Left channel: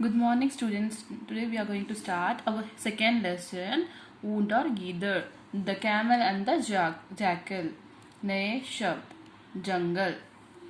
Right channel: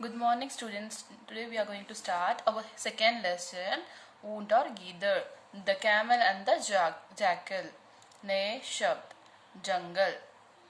Good morning, students. Today we are going to start our second lesson, ऊंट और गीदड़, the camel and the jackal. नए शब्द, जंगल,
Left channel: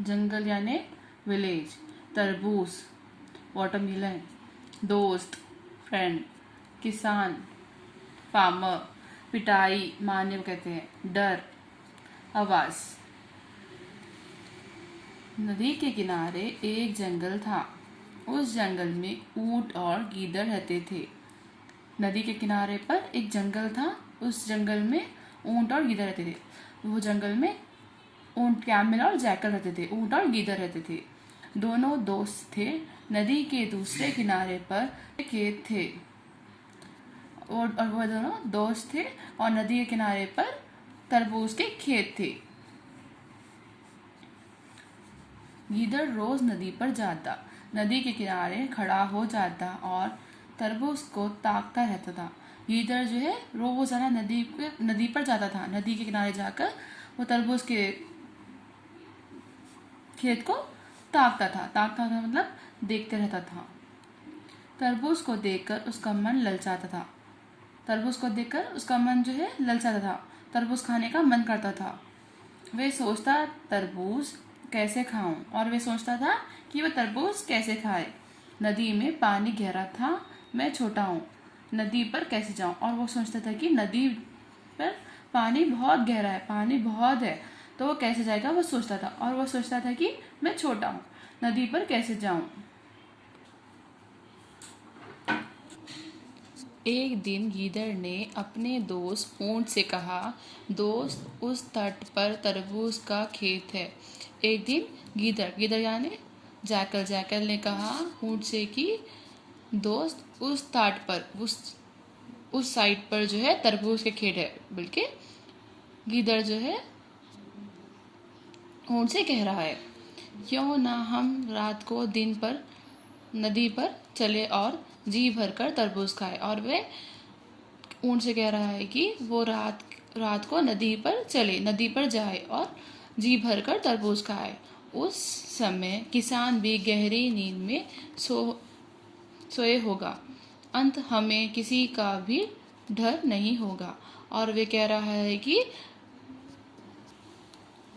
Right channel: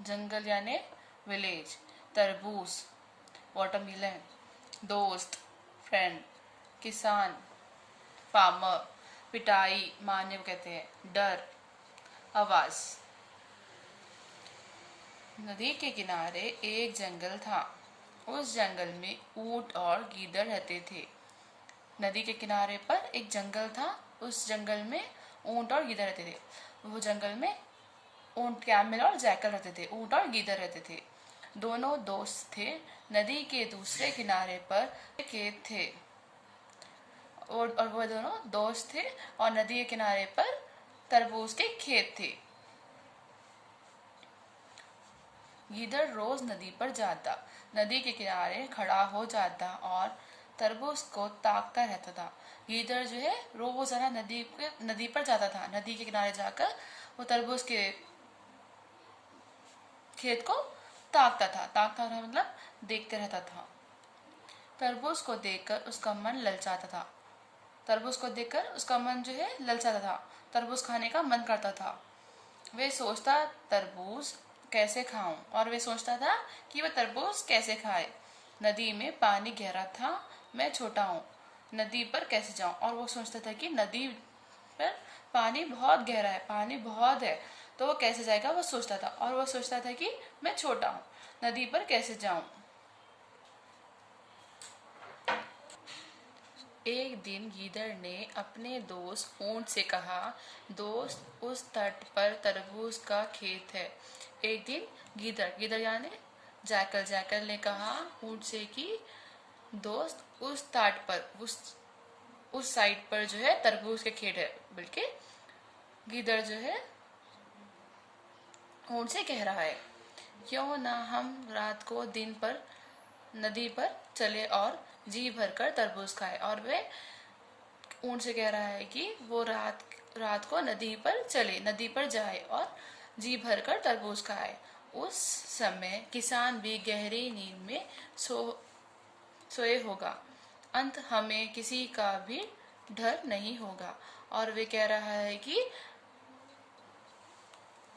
जंगल यानी विलेज, तरबूज, वाटरमेलन, दोस्त, फ्रेंड, किसान, फार्मर, पिटाई, मारने को कहते हैं, डर, आवाज। नदी के किनारे एक जंगल था। उस जंगल में ऊंट और गीदड़ रहते थे। नदी के किनारे पर एक जंगल था। उस जंगल में ऊंट और गीदड़ रहते थे। वो जंगल में ऊंट, कैमल और जैकल रहते थे। ऊंट और गीदड़ रहते थे। दोनों दोस्त थे। नदी के दूसरे किनारे पर खेत थे और वो दोनों दोस्त थे और नदी के किनारे पर तरबूज के खेत थे। गीदड़ रोज नदी पर जाता, नदी के किनारे खड़ा हो जाता और तरबूज को ताकता रहता था। गीदड़ जो है रोजाना नदी पर जाता था। नदी के किनारे जाकर वो तरबूज के खेत को ताकता था मतलब देखते रहता था। तरबूज को देखकर उसका मन ललचाता था। तरबूज को देखकर उसका मन जो है ललचाता था। तरबूज खाने का मन करता था। वे सोचता तरबूज कैसे खाऊं, और वे सोचता था कि वह तरबूज कैसे खाए। नदी में पानी गहरा था, मैं छोटा हूँ, नदी पर कैसे जाऊं। और वो सोचता था कि नदी पर पानी बहुत गहरा है, पानी बहुत है, तो वो कैसे जाएगा, वो सोचता था। और वो सोचता था कि मैं छोटा हूँ, नदी पर कैसे जाऊं। एक दिन गीदड़ ने अपने दोस्त ऊंट से कहा, दोस्त, उस तट पर तरबूज का खेत है। एक दिन गीदड़ यानी जैकल ने कहा ऊंट से कि दोस्त, उस तट पर, उस साइड पर जो है तरबूज के खेत है। बल्कि गीदड़ जो है ऊंट से कह रहा है, क्यों ना हम रात को दिन पर नदी पर चले और जी भर कर तरबूज खाए। और वे ऊंट से कह रहा है कि वो रात को नदी पर चले, नदी पर जाए और जी भर कर तरबूज खाए। उस समय किसान भी गहरी नींद में सोए होगा। अंत हमें किसी का भी डर नहीं होगा। और वे कह रहा है कि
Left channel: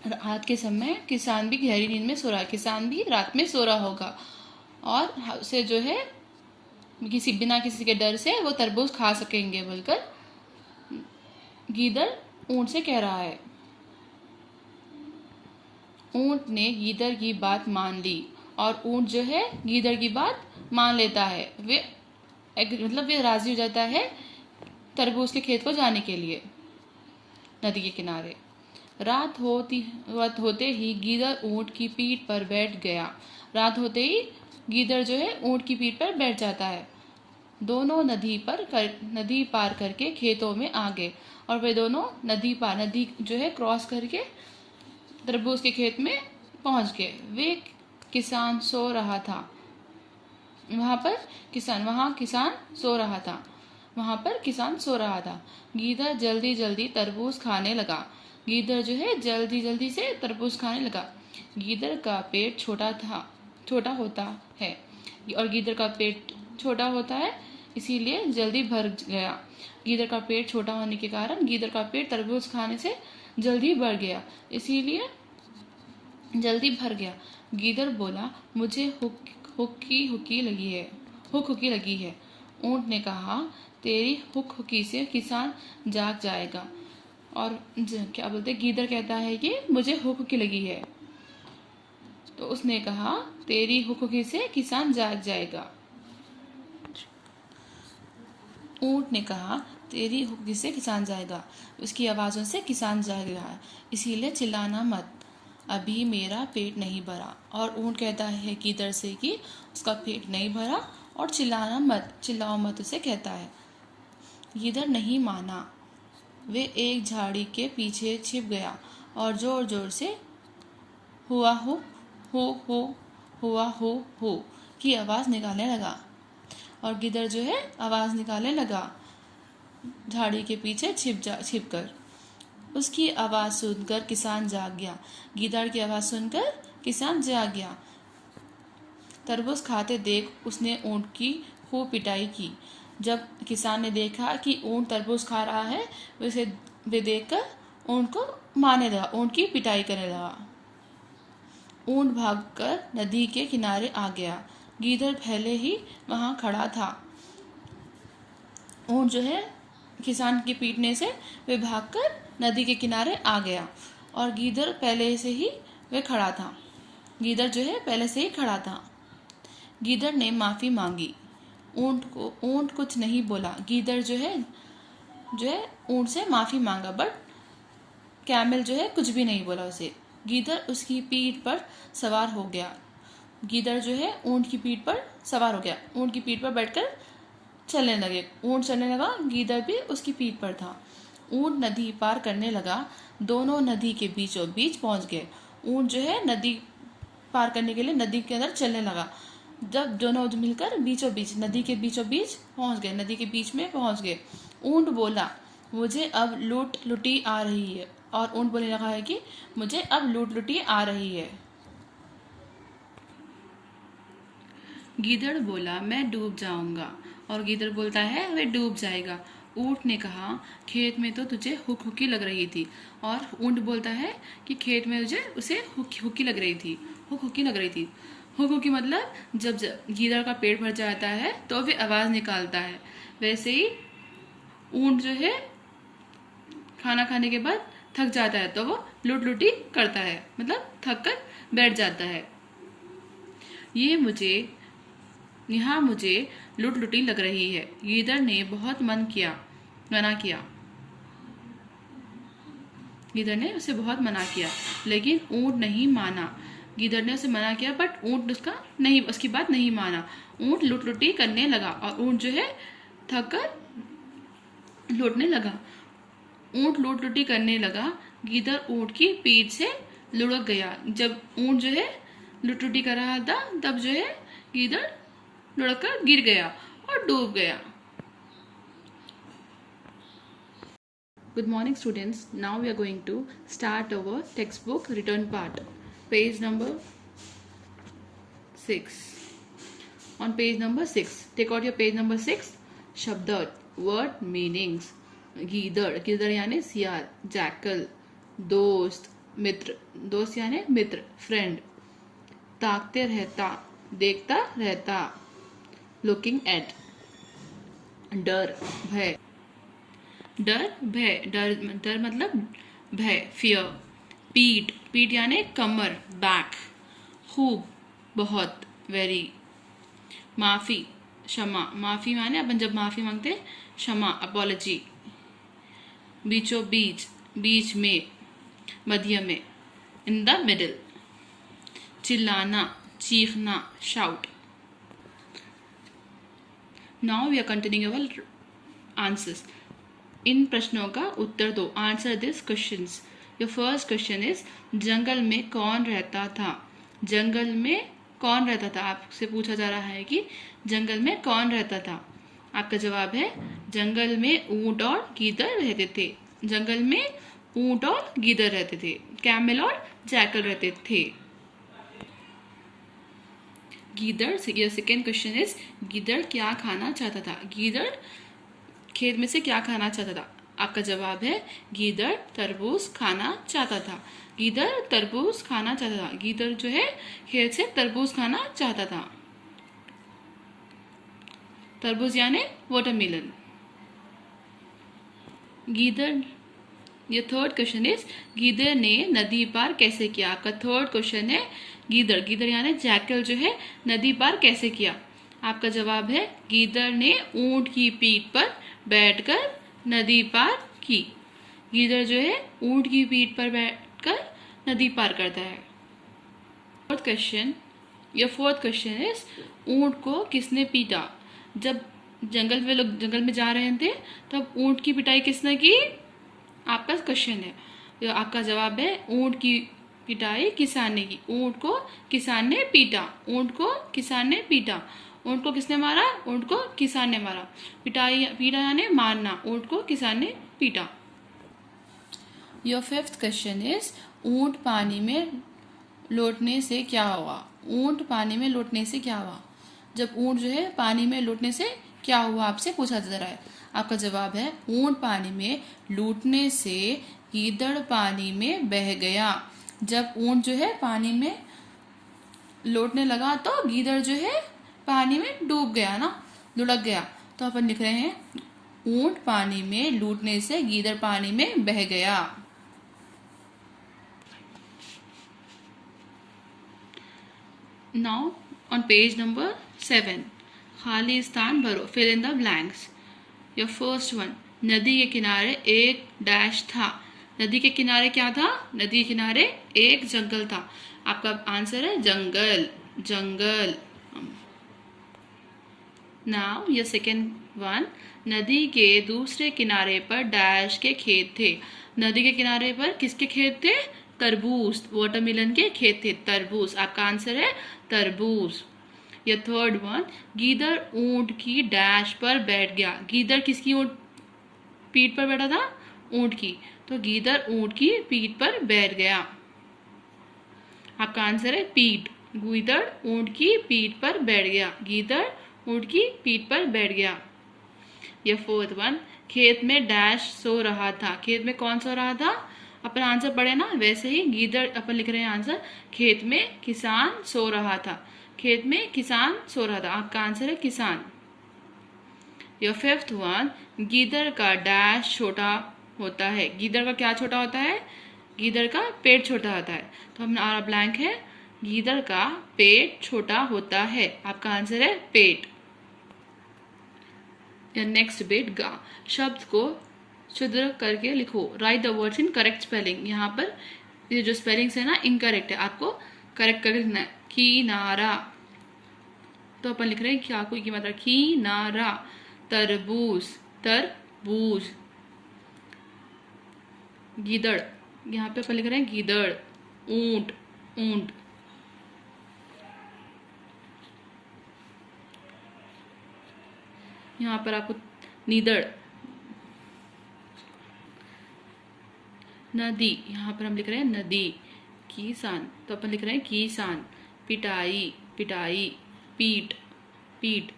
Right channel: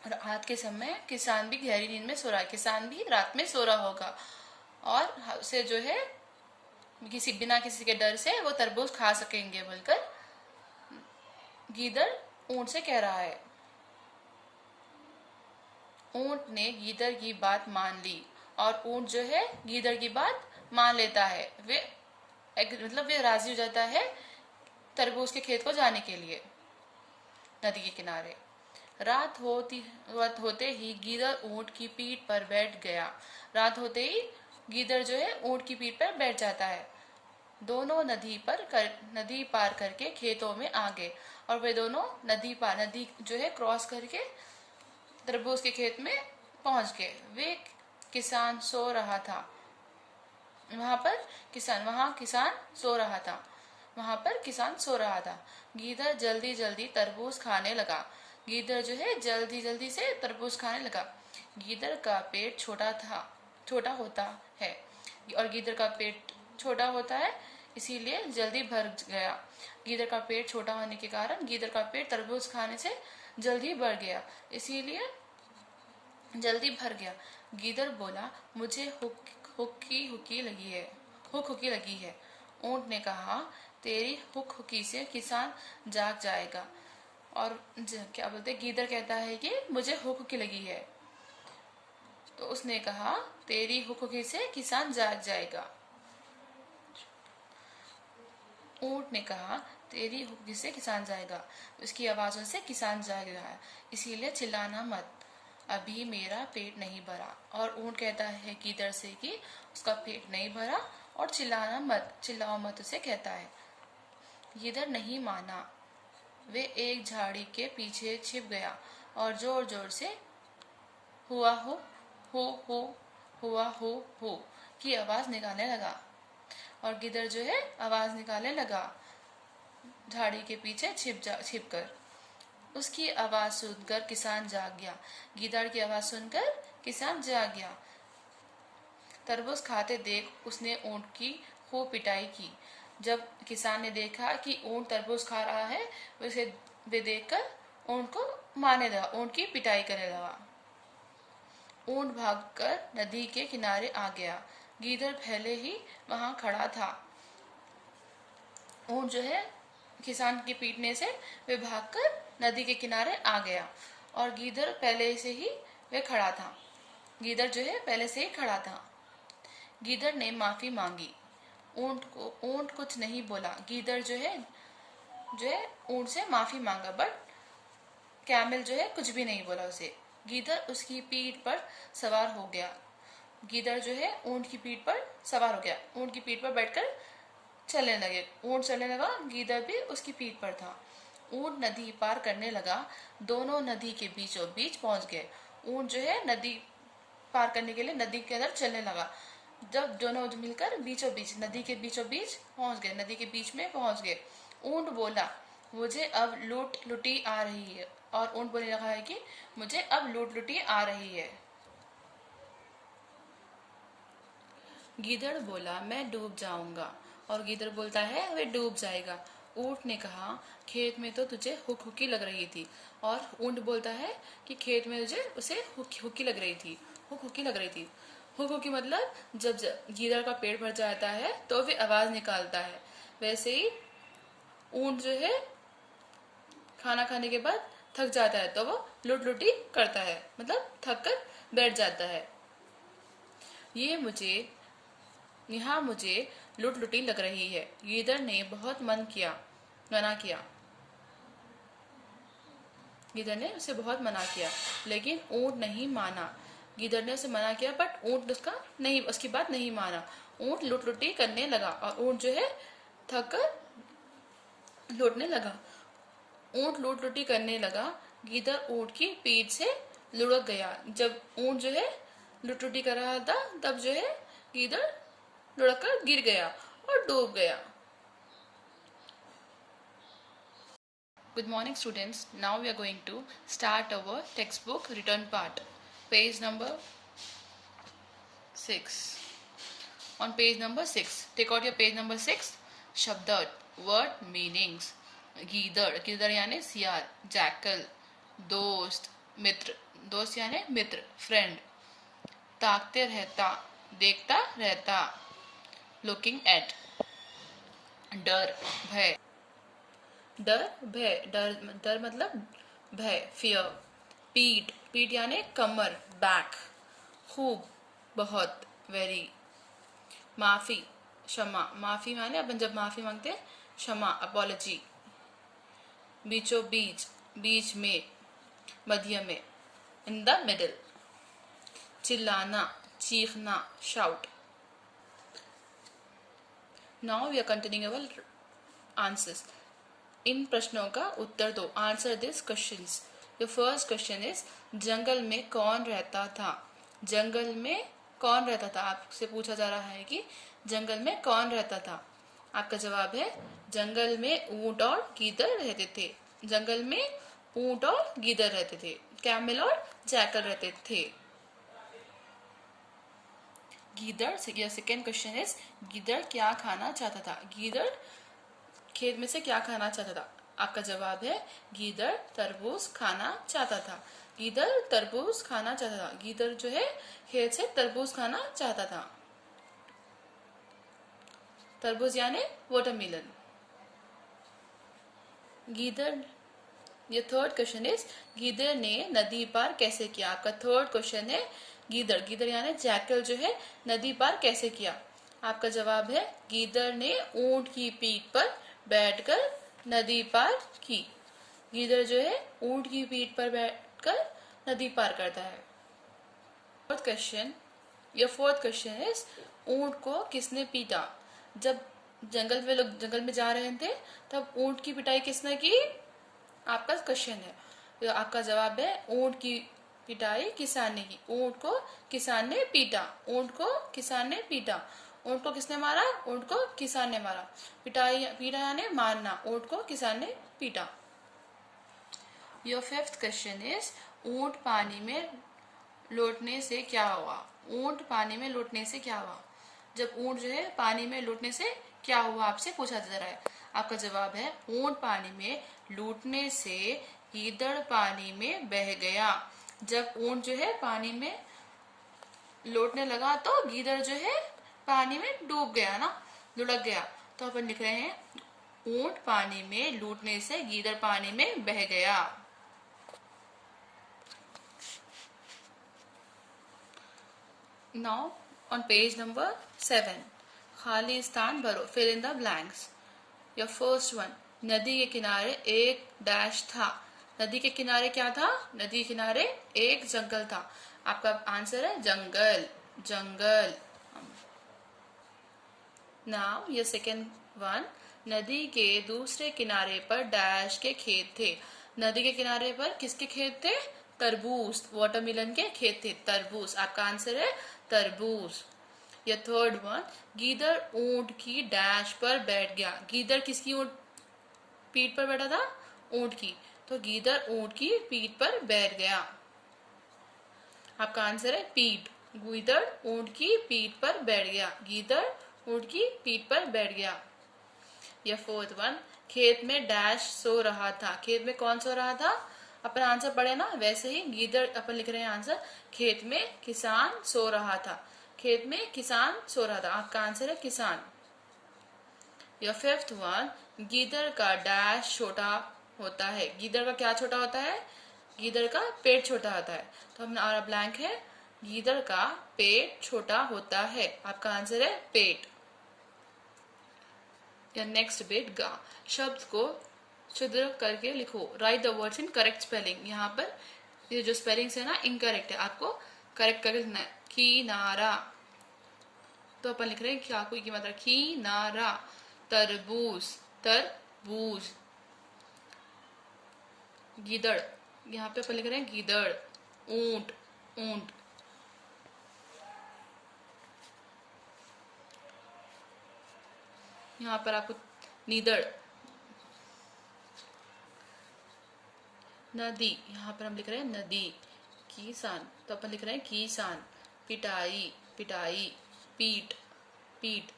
रात के समय किसान भी गहरी नींद में सो रहा है, किसान भी रात में सो रहा होगा और उसे जो है बिना किसी के डर से वो तरबूज खा सकेंगे बोलकर गीदड़ ऊंट से कह रहा है। ऊंट ने गीदड़ की बात मान ली और ऊंट जो है गीदड़ की बात मान लेता है। वे राजी हो जाता है तरबूज के खेत को जाने के लिए नदी के किनारे। रात होते ही गीदड़ ऊंट की पीठ पर बैठ गया। रात होते ही गीदड़ जो है ऊंट की पीठ पर बैठ जाता है। दोनों नदी पार करके खेतों में आ गए और वे दोनों नदी जो है क्रॉस करके तरबूज के खेत में पहुंच गए। वे किसान सो रहा था। वहां किसान सो रहा था। गीदड़ जल्दी जल्दी तरबूज खाने लगा। गीदड़ जो है जल्दी जल्दी से तरबूज खाने लगा। गीदड़ का पेट छोटा होता है और गीदड़ का पेट छोटा होता है इसीलिए जल्दी भर गया। गीदड़ का पेट छोटा होने के कारण गीदड़ का पेट तरबूज खाने से जल्दी भर गया, इसीलिए जल्दी भर गया। गीदड़ बोला, मुझे हुक्की लगी है। ऊंट ने कहा, तेरी हुक्की से किसान जाग जाएगा। और क्या बोलते, गीदड़ कहता है कि मुझे हुक्की लगी है, तो उसने कहा तेरी हुक्की से किसान जाग जाएगा। ऊंट ने कहा तेरी हुक्की से किसान जाएगा, उसकी आवाज़ों से किसान जाग रहा है, इसीलिए चिल्लाना मत, अभी मेरा पेट नहीं भरा। और ऊंट कहता है गीदड़ से कि उसका पेट नहीं भरा और चिल्लाओ मत उसे कहता है। गीदड़ नहीं माना। वे एक झाड़ी के पीछे छिप गया और जोर जोर से हुआ हो की आवाज़ निकालने लगा। और गिदड़ जो है आवाज़ निकालने लगा झाड़ी के पीछे छिप कर। उसकी आवाज़ सुनकर किसान जाग गया। गीदड़ की आवाज़ सुनकर किसान जाग गया। तरबूज खाते देख उसने ऊँट की खूब पिटाई की। जब किसान ने देखा कि ऊँट तरबूज खा रहा है, वे देखकर ऊँट को मारने लगा, ऊँट की पिटाई करने लगा। ऊँट भागकर नदी के किनारे आ गया। गीदड़ पहले ही वहां खड़ा था। ऊँट जो है किसान के पीटने से वे भागकर नदी के किनारे आ गया और गीदड़ पहले से ही वे खड़ा था। गीदड़ जो है पहले से ही खड़ा था। गीदड़ ने माफी मांगी। ऊँट कुछ नहीं बोला। गीदड़ जो है ऊँट से माफी मांगा, बट कैमल जो है कुछ भी नहीं बोला उसे। गीदड़ उसकी पीठ पर सवार हो गया। गीदड़ जो है ऊँट की पीठ पर सवार हो गया। ऊँट की पीठ पर बैठकर चलने लगे। ऊँट चलने लगा, गीदड़ भी उसकी पीठ पर था। ऊँट नदी पार करने लगा। दोनों नदी के बीचों बीच पहुंच गए। ऊँट जो है नदी पार करने के लिए नदी के अंदर चलने लगा। जब दोनों मिलकर बीचों बीच नदी के बीचों बीच पहुंच गए, नदी के बीच में पहुंच गए। ऊँट बोला, मुझे अब लूट लुटी आ रही है। और ऊँट बोलने लगा है कि मुझे अब लूट लुटी आ रही है। गीदड़ बोला, मैं डूब जाऊंगा। और गीदड़ बोलता है, वे डूब जाएगा। ऊँट ने कहा, खेत में तो तुझे हुकी लग रही थी। और ऊँट बोलता है कि खेत में उसे हुकी लग रही थी। हुकी लग रही थी। हुकी मतलब जब गीदड़ का पेट भर जाता है तो वे आवाज निकालता है। वैसे ही ऊँट जो है खाना खाने के बाद थक जाता है तो वो लुटी करता है, मतलब थक कर बैठ जाता है। यहाँ मुझे लुटी लग रही है। गीदड़ ने बहुत मना किया। गीदड़ ने उसे बहुत मना किया, लेकिन ऊँट नहीं माना। गीदड़ ने उसे मना किया, बट ऊँट उसकी बात नहीं माना। ऊँट लुटी करने लगा और ऊँट जो है थक कर लौटने लगा। ऊँट लुटी करने लगा। गीदड़ ऊँट की पीठ से लुढ़क गया। जब ऊँट जो है लुटी कर रहा था, तब जो है गीदड़ लुढ़क कर गिर गया और डूब गया। Good morning, students. Now we are going to start our textbook return part. Page number 6. On page number 6, take out your page number 6. Shabdat, word meanings. गीदड़ यानी सियार। जैकल, दोस्त, मित्र, दोस्त यानी मित्र, फ्रेंड। ताकते रहता, देखता रहता, लुकिंग एट। डर, भय। डर मतलब भय, फियर। पीठ यानी कमर, बैक। खूब, बहुत, वेरी। माफी, क्षमा। माफी माने अपन जब माफी मांगते हैं, क्षमा, अपॉलॉजी। बीचों बीच में, मध्य में, इन द मिडिल। चिल्लाना, चीखना, shout. Now we are continuing our answers. इन प्रश्नों का उत्तर दो। Answer this questions. Your first question is, जंगल में कौन रहता था? जंगल में कौन रहता था? आपसे पूछा जा रहा है कि जंगल में कौन रहता था। आपका जवाब है, जंगल में ऊंट और गीदड़ रहते थे। जंगल में ऊंट और गीदड़ रहते थे। कैमल और जैकल रहते थे। गीदड़, सेकेंड क्वेश्चन इज, गीदड़ क्या खाना चाहता था? गीदड़ खेत में से क्या खाना चाहता था? आपका जवाब है, गीदड़ तरबूज खाना चाहता था। गीदड़ तरबूज खाना चाहता था। गीदड़ जो है खेत से तरबूज खाना चाहता था। तरबूज यानी वाटरमेलन। गीदड़, ये थर्ड क्वेश्चन इज, गीदड़ ने नदी पार कैसे किया? आपका थर्ड क्वेश्चन है, गीदड़ यानी जैकल जो है नदी पार कैसे किया? आपका जवाब है, गीदड़ ने ऊंट की पीठ पर बैठकर नदी पार की। गीदड़ जो है ऊंट की पीठ पर बैठकर नदी पार करता है। Fourth question, your fourth question is, ऊंट को किसने पीटा? जब लोग जंगल में जा रहे थे तब ऊंट की पिटाई किसने की? आपका क्वेश्चन है। तो आपका जवाब है, ऊंट की पिटाई किसान ने की। ऊंट को किसान ने पीटा। ऊंट को किसान ने पीटा। ऊंट को किसने मारा? ऊंट को किसान ने मारा। पीटा यानी मारना। ऊंट को किसान ने पीटा। योर फिफ्थ क्वेश्चन इज, ऊंट पानी में लौटने से क्या हुआ? ऊंट पानी में लौटने से क्या हुआ? जब ऊंट जो है पानी में लौटने से क्या हुआ आपसे पूछा जा रहा है। आपका जवाब है ऊंट पानी में लूटने से गीदड़ पानी में बह गया। जब ऊंट जो है पानी में लौटने लगा तो गीदड़ जो है पानी में डूब गया ना, लुढ़क गया। तो अपन लिख रहे हैं ऊंट पानी में लूटने से गीदड़ पानी में बह गया। नाउ ऑन पेज नंबर 7, खाली स्थान भरो, fill in the blanks. Your first one, नदी के किनारे एक डैश था। नदी के किनारे क्या था? नदी के किनारे एक जंगल था। आपका आंसर है जंगल, जंगल। नाउ ये सेकेंड वन, नदी के दूसरे किनारे पर डैश के खेत थे। नदी के किनारे पर किसके खेत थे? तरबूज, वाटरमेलन के खेत थे, तरबूज। आपका आंसर है तरबूज। ये थर्ड वन, गीदड़ ऊंट की डैश पर बैठ गया। गीदड़ किसकी ऊंट पीठ पर बैठा था? ऊंट की। तो गीदड़ ऊंट की पीठ पर बैठ गया। आपका आंसर है पीठ। गीदड़ ऊंट की पीठ पर बैठ गया। गीदड़ ऊंट की पीठ पर बैठ गया। यह फोर्थ वन, खेत में डैश सो रहा था। खेत में कौन सो रहा था? अपन आंसर पढ़े ना, वैसे ही गीदड़ अपन लिख रहे हैं आंसर। खेत में किसान सो रहा था। खेत में किसान सो रहा था। आपका आंसर है किसान। यह फिफ्थ वन, गीदड़ का डैश छोटा होता है। गीदड़ का क्या छोटा होता है? गीदड़ का पेट छोटा होता है। तो हमारा ब्लैंक है गीदड़ का पेट छोटा होता है। आपका आंसर है पेट। नेक्स्ट बिट, गा शब्द को शुद्ध करके लिखो। Right the words in correct spelling. यहाँ पर ये जो स्पेलिंग्स है ना इनकरेक्ट है, आपको करेक्ट करके लिखना है। किनारा, तो अपन लिख रहे हैं क्या कोई की मात्रा, किनारा। तरबूज, तरबूज। गीदड़, यहाँ पे अपन लिख रहे हैं गीदड़। ऊंट, ऊंट। यहाँ पर आपको नीदड़। नदी, यहाँ पर हम लिख रहे हैं नदी। किसान, तो अपन लिख रहे हैं किसान। पिटाई, पिटाई। पीठ, पीठ।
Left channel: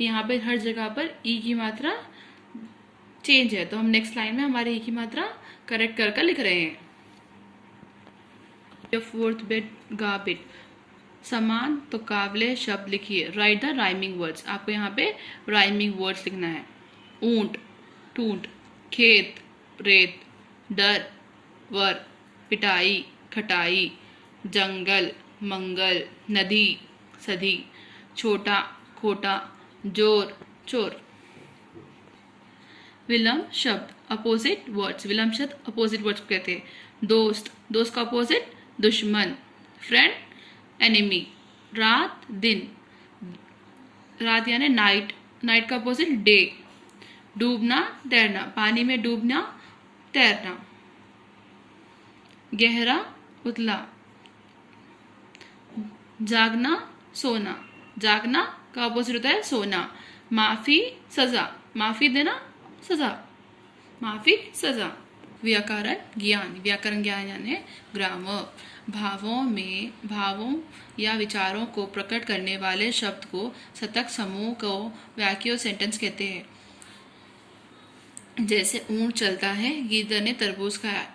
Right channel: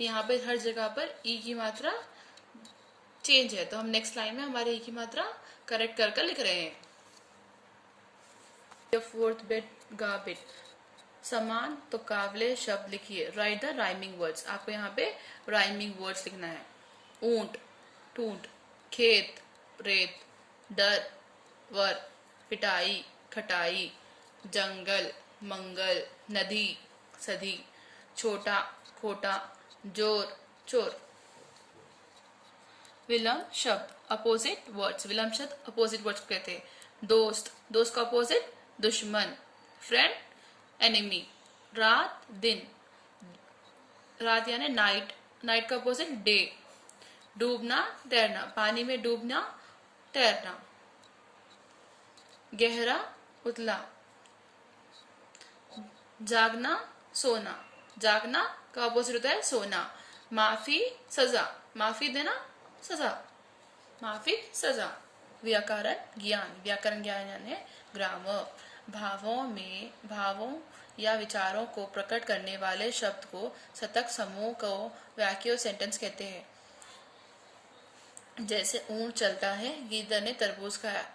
यहाँ पे हर जगह पर ई की मात्रा चेंज है, तो हम नेक्स्ट लाइन में हमारे ई की मात्रा करेक्ट कर लिख रहे हैं। फोर्थ बिट, गा बिट। समान तो काबिले शब्द लिखिए। Right the rhyming words. आपको यहाँ पे राइमिंग वर्ड्स लिखना है। ऊंट, टूट। खेत, रेत। डर, वर। पिटाई, खटाई। जंगल, मंगल। नदी, सदी। छोटा, खोटा। जोर, चोर। विलंब शब्द, अपोजिट वर्ड्स। विलंब शब्द अपोजिट वर्ड्स कहते हैं। दोस्त, दोस्त का अपोजिट दुश्मन। Friend, enemy. रात, दिन। रात यानी नाइट, नाइट का अपोजिट डे। डूबना, तैरना, पानी में डूबना, तैरना। गहरा, उतला। जागना, सोना। जागना का अपोजिट होता है सोना। माफी, सजा। माफी देना, सजा। माफी, सजा। व्याकरण ज्ञान, व्याकरण ज्ञान यानी ग्रामर। भावों या विचारों को प्रकट करने वाले शब्द को शतक समूह को वाक्य सेंटेंस कहते हैं। जैसे ऊंट चलता है, गीदड़ ने तरबूज खाया।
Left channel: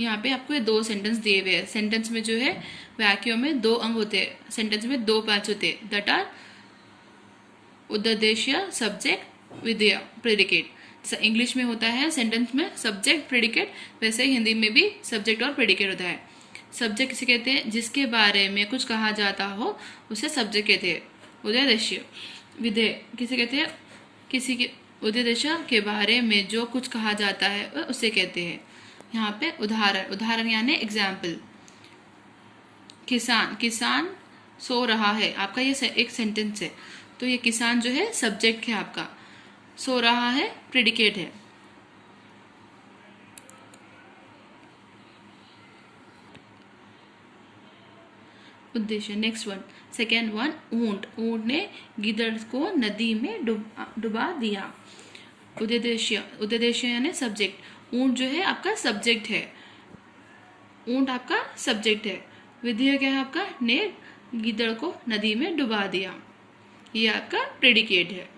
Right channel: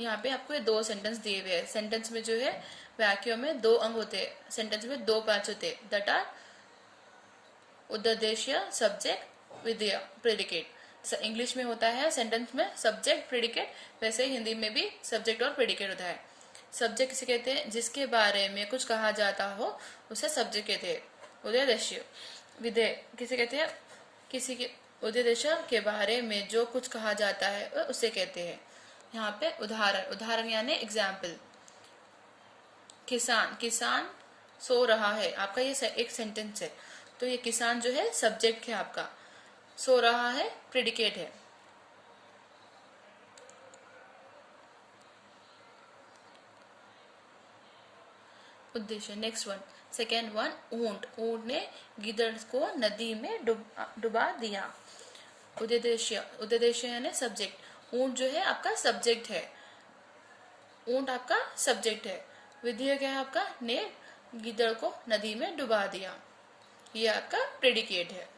यहाँ पे आपको ये दो सेंटेंस दिए हुए हैं। सेंटेंस में जो है वाक्यों में दो अंग होते हैं, सेंटेंस में दो पार्ट्स होते हैं, दैट आर उद्देश्य, सब्जेक्ट, विधेय, प्रेडिकेट। इंग्लिश में होता है सेंटेंस में सब्जेक्ट, प्रेडिकेट, वैसे ही हिंदी में भी सब्जेक्ट और प्रेडिकेट होता है। सब्जेक्ट किसे कहते हैं? जिसके बारे में कुछ कहा जाता हो उसे सब्जेक्ट कहते हैं, उद्देश्य। विधेय किसे कहते हैं? किसी के उद्देश्य के बारे में जो कुछ कहा जाता है उसे कहते हैं। यहाँ पे उदाहरण, उदाहरण यानी एग्जाम्पल। किसान, किसान सो रहा है। आपका ये एक सेंटेंस है, तो ये किसान जो है सब्जेक्ट है आपका, सो रहा है प्रेडिकेट है। उद्देश्य, नेक्स्ट वन, सेकेंड वन, ऊंट। ऊंट ने गीदड़ को नदी में डुबा दिया। उद्देश्य, उद्देश्य यानी सब्जेक्ट। ऊंट जो है आपका सब्जेक्ट है, ऊंट आपका सब्जेक्ट है। विधेय क्या है आपका? ने गीदड़ को नदी में डुबा दिया। ये आपका प्रेडिकेट है।